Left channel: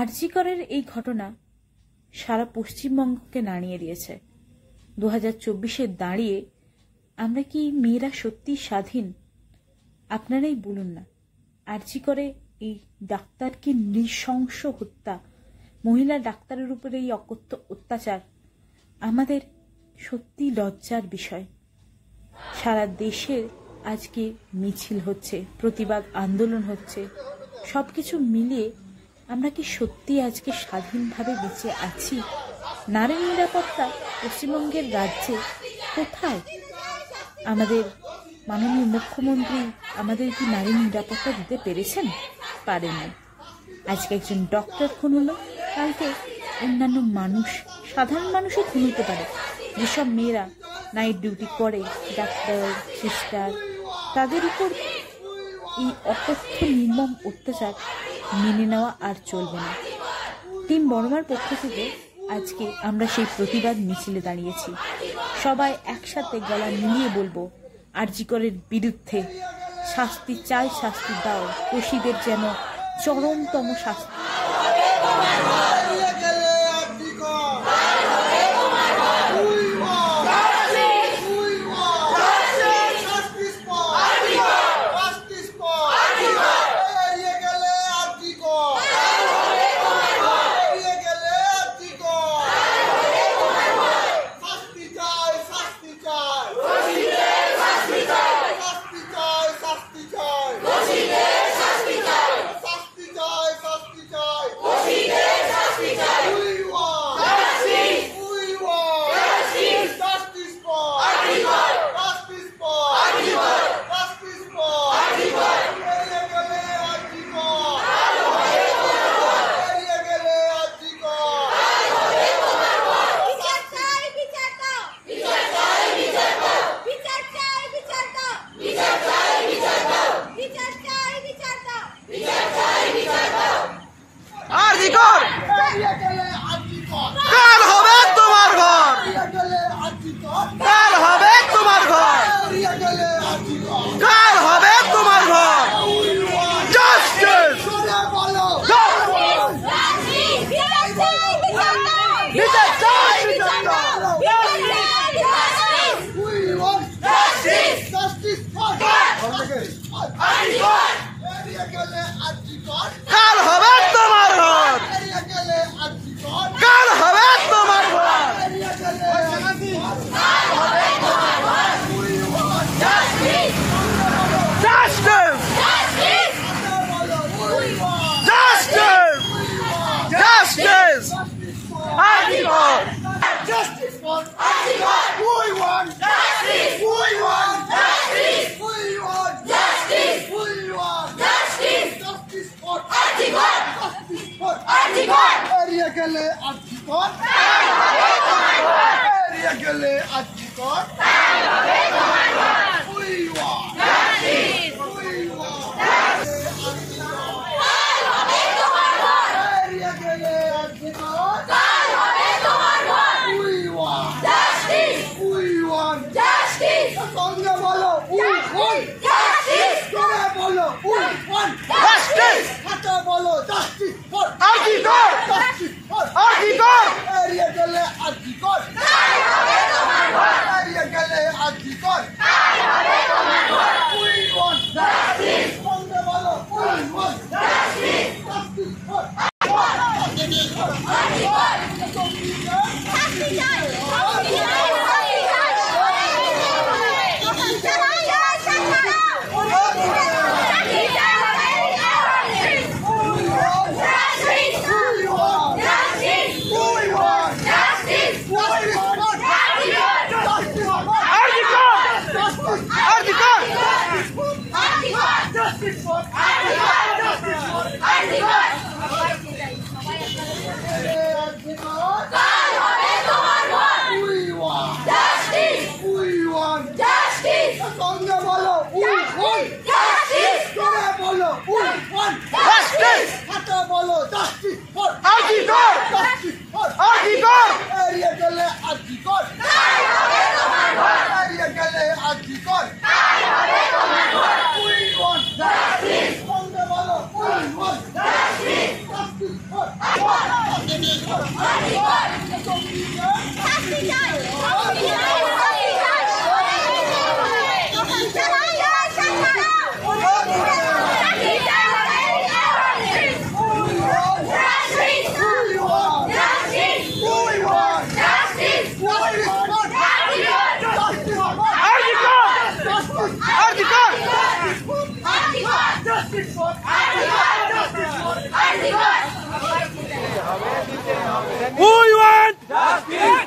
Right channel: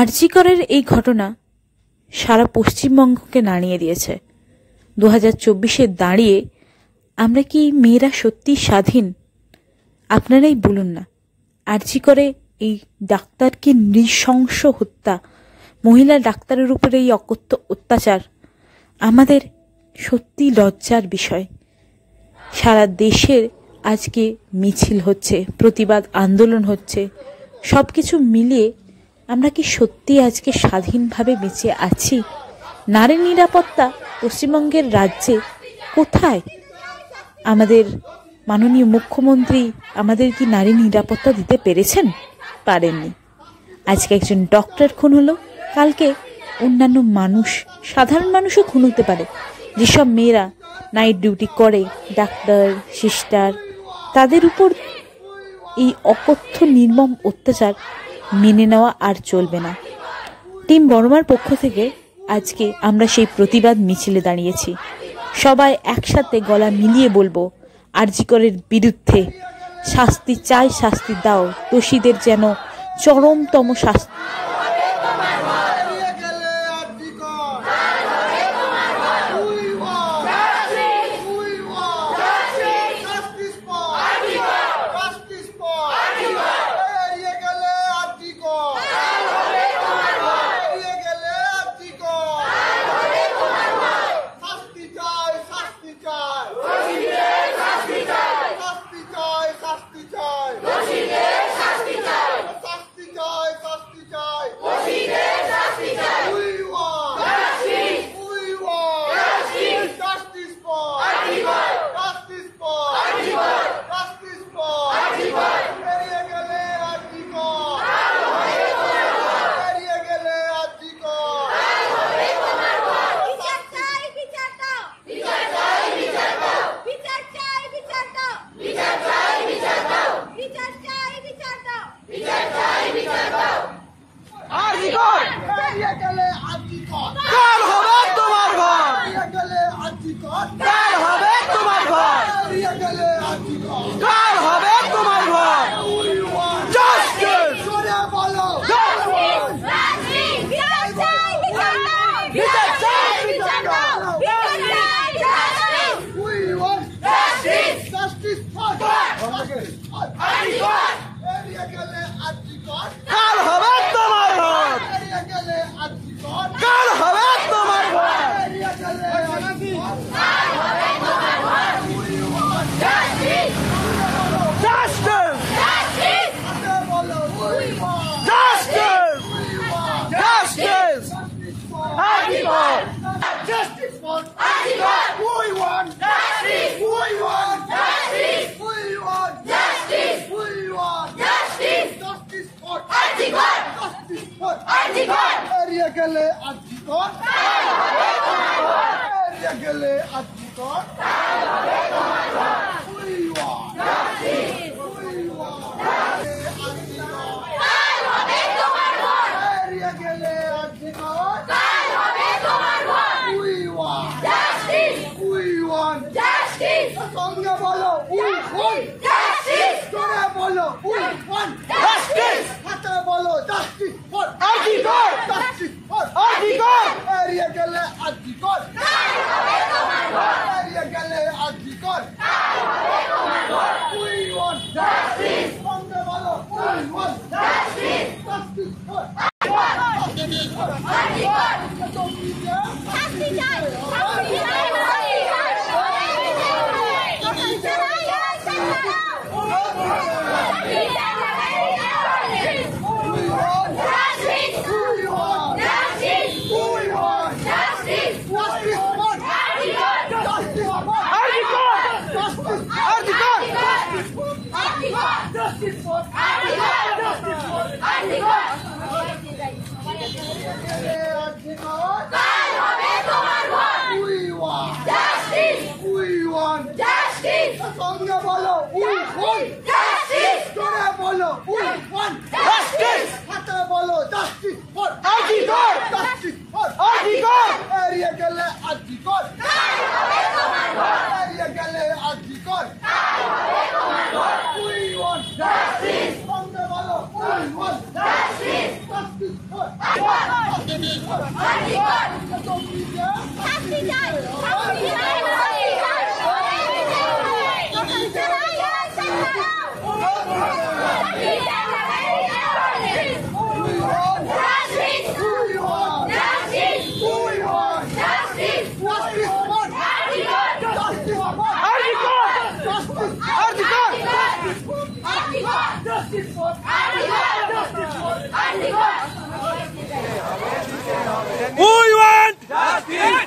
আরজি করের এই ঘটনা সারা পশ্চিমবঙ্গকে নাড়িয়ে দিয়েছে। 2024-এ দাঁড়িয়ে আমরা কি মেয়েরা সত্যি স্বাধীন? আপনারাই বলুন না। আরজি করে এই ডাক্তারকে নৃশংস হত্যা, মহিলা ডাক্তারের উপরে এই অকথ্য অত্যাচার আমাদের সত্যি লজ্জার বিষয়। সারা দেশের আজকে মিছিল হচ্ছে, প্রতিবাদ আন্দোলন হচ্ছে, সব কিছু মিলিয়ে আমরা কি সত্যি আজকে স্বাধীনভাবে বেঁচে আছি? নারী নিরাপত্তা পশ্চিমবঙ্গের রাজ্যে কোথায়? আমাদের মাননীয় মুখ্যমন্ত্রী আমাদের কি নারী নিরাপত্তা দিতে পেরেছেন? পারেননি। আজকে একজন ডক্টর খুন হলো, কালকে অন্যান্য মানুষ, সাধারণ মানুষও খুন হতে পারে। যেসব মেয়েরা নাইট ডিউটি করে, ডাক্তার, সিস্টার, তাদের উপর এই অকথ্য নির্মম অত্যাচার মেনে নেওয়া আর চলবে না। টিম বর্মার পক্ষ থেকে আজকে আমরা সেই প্রতিবাদ মিছিলে দাঁড়িয়েছি। সবাই একসাথে গলা মিলিয়ে বলবো, আরজি করের বিরুদ্ধে শাস্তি চাই, শাস্তি দাও, দোষীদের যেন চরমতম শাস্তি। কাল হবে তোমার ঘর, কাল হবে তোমার ঘর, কাল হবে তোমার ঘর। জাস্টিস বলো, কাল হবে তোমার ঘর, কাল হবে তোমার ঘর। Justice! Justice! Justice! Article! Justice for Article! We want justice! We want justice! We want justice! We want justice! Justice for Article! Justice for Article! Area gale Article! Area gale Article! We want justice! We want justice! Area gale Article! We want justice! We want justice! Songa bolo, we want justice! Jore bolo, we want justice! Hata bolo, justice for Article! Justice for Article! Area gale Article! Area gale Article! We want justice! Songa bolo, we want justice! Justice for Songa bolo, we want justice! Jore bolo, we want justice! Hata bolo, justice for Article! Justice for Article! Area gale Article! Area gale Article! We want justice! Songa bolo, we want justice! Justice for We want justice.